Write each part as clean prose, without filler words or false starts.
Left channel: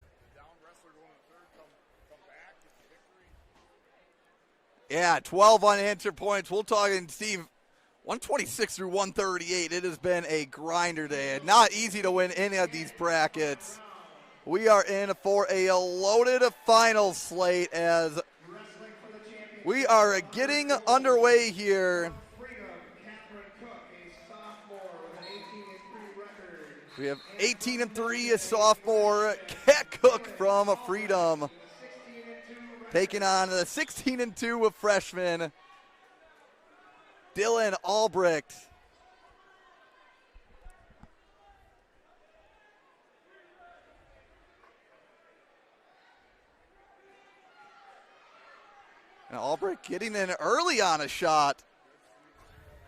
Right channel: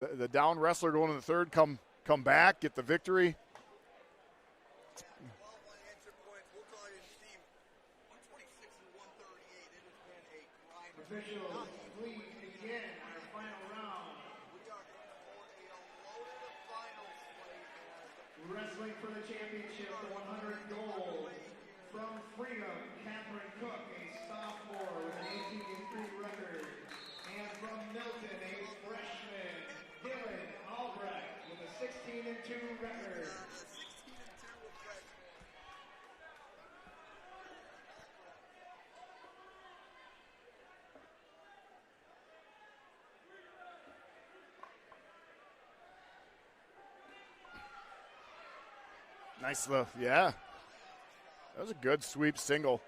The down wrestler going to the third, come back, get the victory. Yeah, 12 unanswered points. We'll talk, and Steve, 126 through 138. It has been a grinder day. Not easy to win any of these brackets. We are in for a loaded final slate as we are getting underway here. We have 18-3, a sophomore, Kat Cook from Freedom, taking on the 16-2 of freshman Dilynn Albrecht. Now Albrecht getting in early on a shot. That was a good sweep single.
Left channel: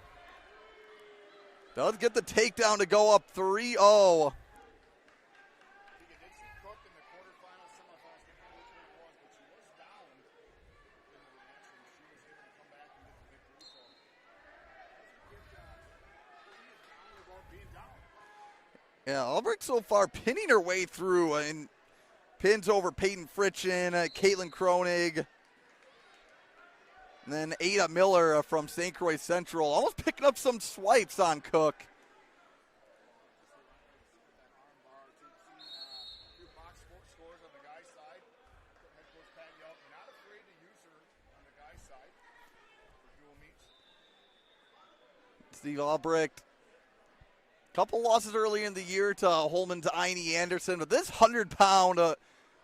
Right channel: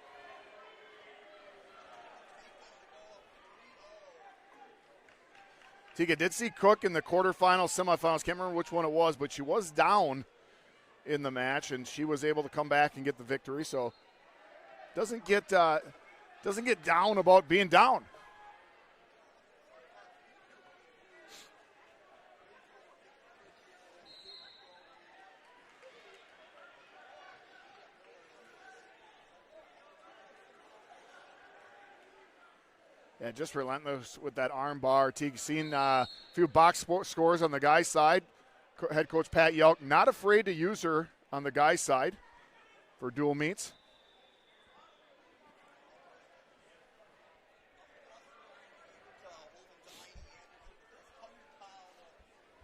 Does get the takedown to go up 3-0. Tika did see Cook in the quarterfinals, semifinals. Can't remember which one it was, but she was down in the match, and she was able to come back and get the victory. So doesn't get down about being down. Yeah, Albrecht so far pinning her way through and pins over Peyton Fritchen, Caitlin Kronig, and then Ada Miller from St. Croix Central, almost picking up some swipes on Cook. Yeah, just relentless with that arm bar. Teague seen a few box scores on the guy's side. Head coach Pat Yelk not afraid to use her on the guy's side for dual meets. Steve Albrecht, couple losses early in the year to Holman's Ine Anderson, but this 100-pound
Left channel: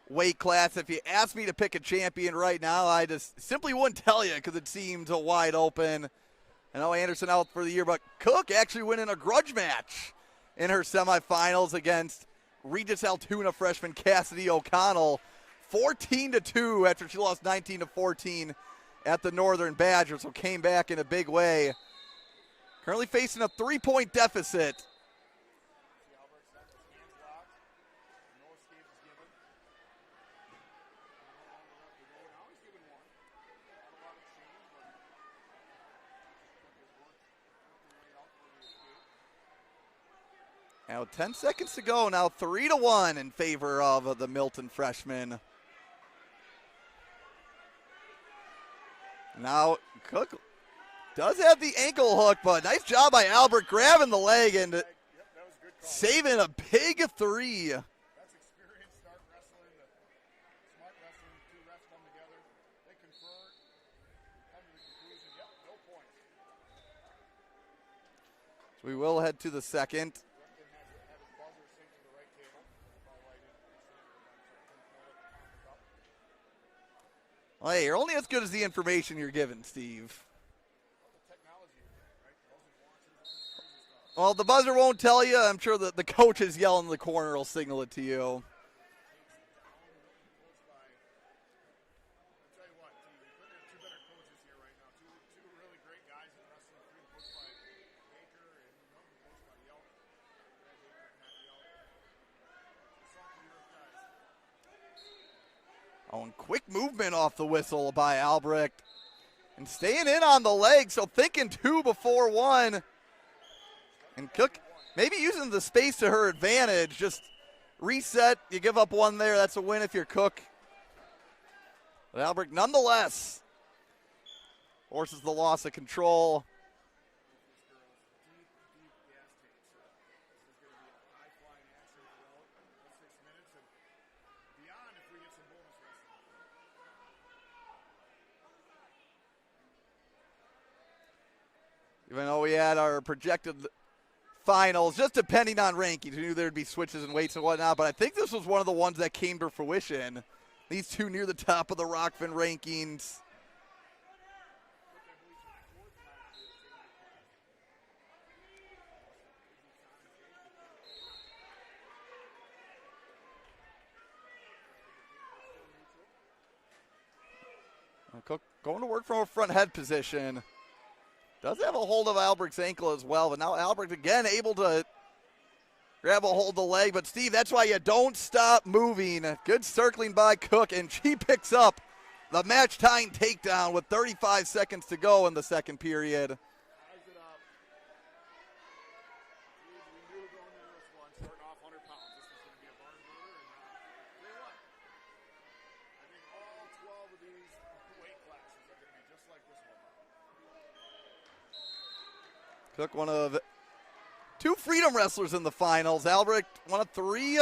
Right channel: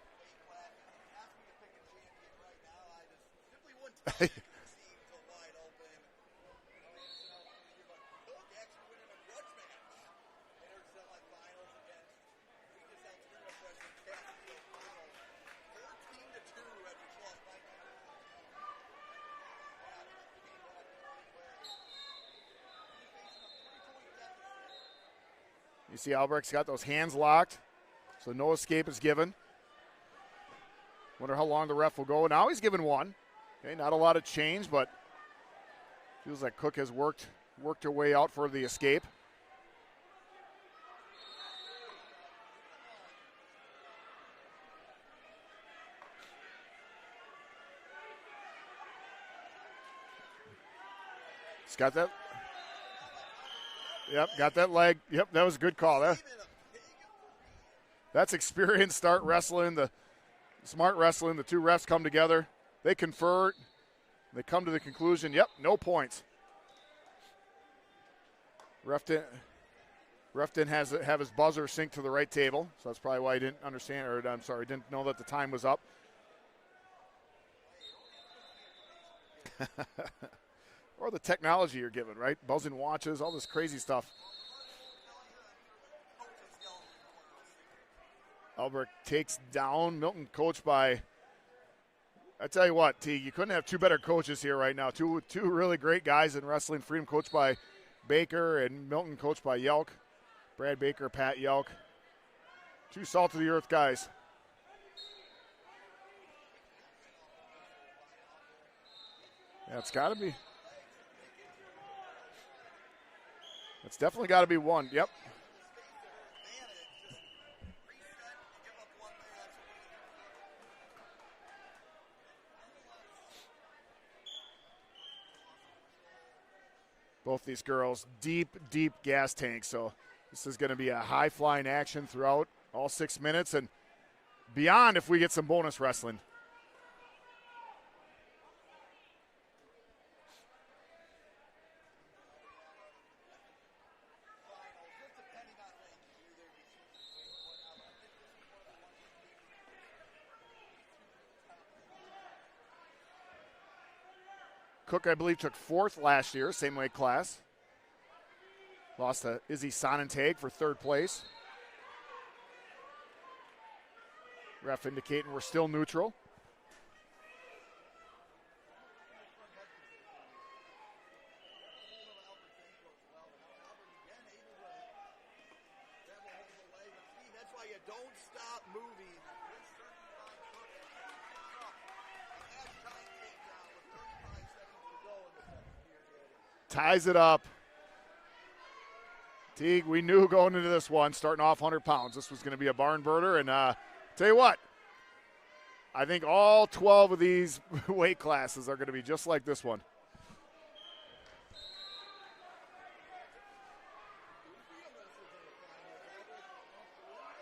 weight class, if you asked me to pick a champion right now, I just simply wouldn't tell you because it seemed wide open. I know Anderson out for the year, but Cook actually winning a grudge match in her semifinals against Regis Altoona freshman Cassidy O'Connell, 14-2 after she lost 19-14 at the Northern Badger, so came back in a big way. Currently facing a 3-point deficit. You see Albrecht's got those hands locked, so no escape is given. Wonder how long the ref will go. Now he's given one. Okay, not a lot of change, but feels like Cook has worked her way out for the escape. Now 10 seconds to go. Now 3-1 in favor of the Milton freshman. Now Cook does have the ankle hook, but nice job by Albert grabbing the leg. Yep, that was a good call. Saving a big three. That's experienced start wrestling, the smart wrestling. The two refs come together. They confer. They come to the conclusion, yep, no points. We will head to the second. Ref didn't have his buzzer synced to the right table, so that's probably why he didn't understand, or I'm sorry, didn't know that the time was up. Well, hey, you're only as good as the information you're given, Steve. Or the technology you're given, right? Buzzing watches, all this crazy stuff. Well, the buzzer won't tell you. I'm sure that the coach is yelling in the corner will signal it to you. Albrecht takes down Milton, coached by, I tell you what, Teague, you couldn't have two better coaches here right now. Two really great guys in wrestling. Freedom coached by Baker and Milton coached by Yelk. Brad Baker, Pat Yelk. Two salt-of-the-earth guys. Oh, and quick movement off the whistle by Albrecht. And staying in on the leg, so thinking two before one. It's definitely got to be one. Yep. Maybe using the space to her advantage. Just reset. You give up one there. That's a win if you're Cook. But Albrecht, nonetheless, forces the loss of control. Both these girls, deep gas tanks. So this is going to be a high-flying action throughout all 6 minutes and beyond if we get some bonus wrestling. Even though we had our projected finals, just depending on rankings, we knew there would be switches and weights and whatnot, but I think this was one of the ones that came to fruition. These two near the top of the Rokfin rankings. Cook, I believe, took fourth last year, same weight class. Lost to Izzy Sonnentag for third place. Ref indicating we're still neutral. Cook going to work from a front head position. Does have a hold of Albrecht's ankle as well, but now Albrecht again able to grab a hold of the leg. But, Steve, that's why you don't stop moving. Good circling by Cook, and she picks up the match-tying takedown with 35 seconds to go in the second period. Ties it up. Teague, we knew going into this one, starting off 100 pounds, this was going to be a barn burner, and Tell you what, I think all 12 of these weight classes are going to be just like this one. Cook, one of 2 freedom wrestlers in the finals. Albrecht, one of 3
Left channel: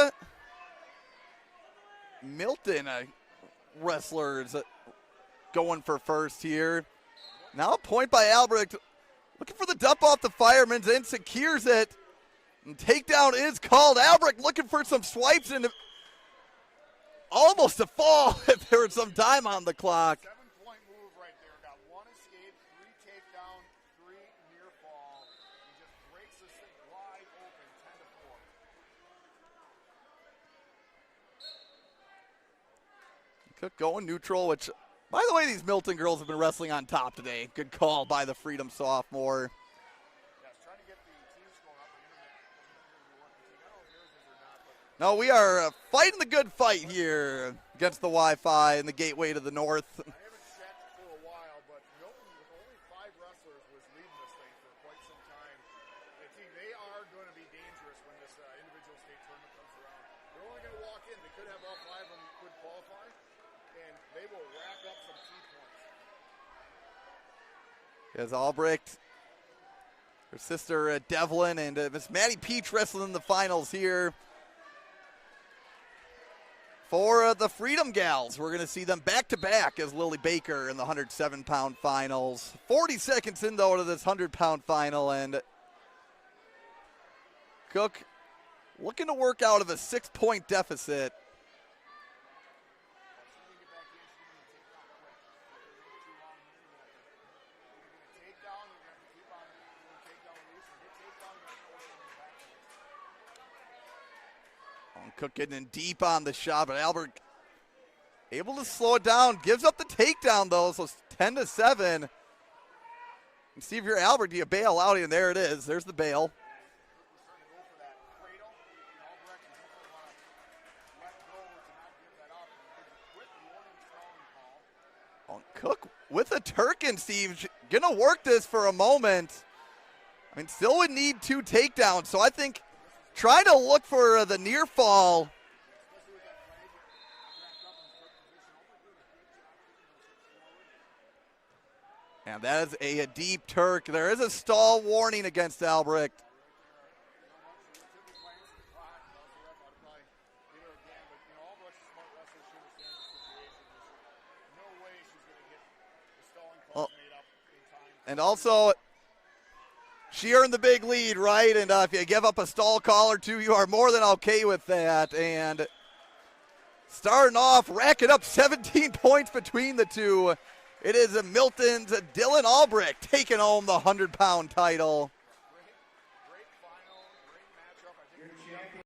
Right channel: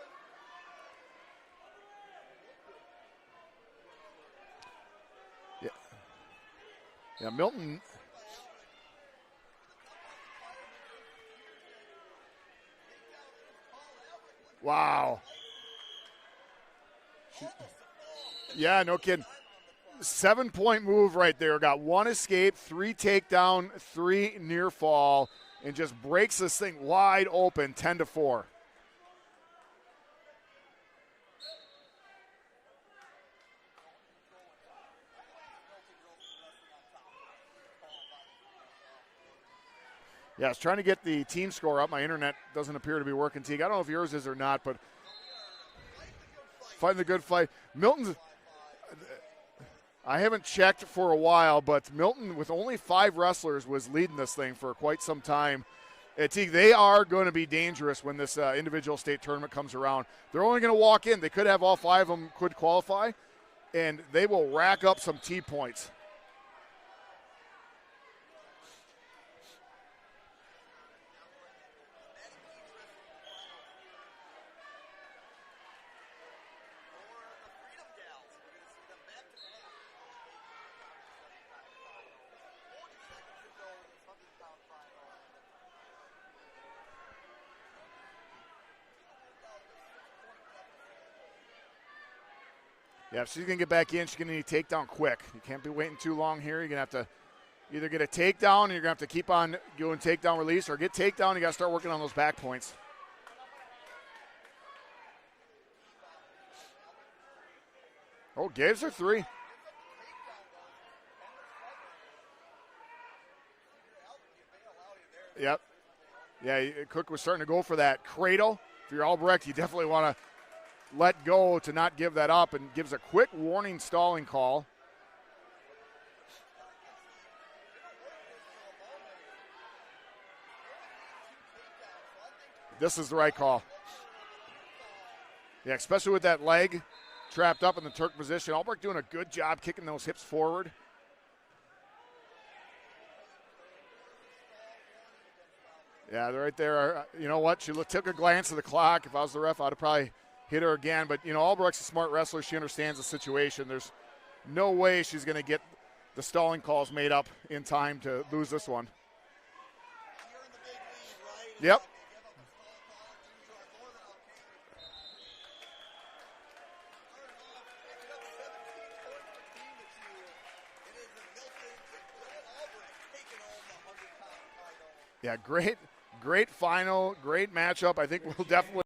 Milton wrestlers going for first here. Yeah, Milton. Now a point by Albrecht. Looking for the dump off the Fireman's and secures it. And takedown is called. Albrecht looking for some swipes and almost a fall. There's some time on the clock. 7-point move right there. Got 1 escape, 3 takedown, 3 near fall, and just breaks this thing wide open, 10-4. Cook going neutral, which, by the way, these Milton girls have been wrestling on top today. Good call by the Freedom sophomore. Yeah, I was trying to get the team score up. My internet doesn't appear to be working, Teague. I don't know if yours is or not, but no, we are fighting the good fight fighting here. The good fight. Milton, the Wi-Fi and the gateway to the north. I haven't checked for a while, but Milton, with only 5 wrestlers, was leading this thing for quite some time. Teague, they are going to be dangerous when this individual state tournament comes around. They're only going to walk in. They could have all 5 of them could qualify, and they will rack up some T points. As Albrecht, her sister Devlin, and Miss Maddie Peach wrestling in the finals here. For the Freedom Gals, we're going to see them back-to-back as Lily Baker in the 107-pound finals. 40 seconds in, though, to this 100-pound final, and Cook looking to work out of a 6-point deficit. Yeah, if she's going to get back in, she's going to need a takedown quick. You can't be waiting too long here. You're going to have to either get a takedown and you're going to have to keep on doing takedown release, or get takedown and you got to start working on those back points. Cook getting in deep on the shot, but Albrecht able to gives slow her it 3. down. Gives up the takedown, though, so it's 10-7. And see if you're Albrecht, do you bail out? And there it is. Yep. There's the bail. Yeah, Cook was starting to go for that cradle. If you're Albrecht, you definitely want to let go to not give that up, and gives a quick warning stalling call. Cook with a Turkin, Steve. Gonna work this for a moment. I mean, still would need 2 takedowns, so I think this is the right trying call. to look for the near fall. Yeah, especially with that leg trapped up in the Turk position. Albrecht doing a good job kicking those hips forward. And that is a deep Turk. There is a stall warning against Albrecht. Yeah, they're right there. You know what? She took a glance at the clock. If I was the ref, I'd have probably hit her again. But, you know, Albrecht's a smart wrestler. She understands the situation. There's no way she's going to get the stalling calls made up in time to lose this one. She earned the big lead, right? And if you give up a stall call or 2, you are more than okay with that. And starting off, racking up 17 points between the 2. It is Milton's Dilynn Albrecht taking home the 100-pound title. Yeah, great final, great matchup. I think we'll definitely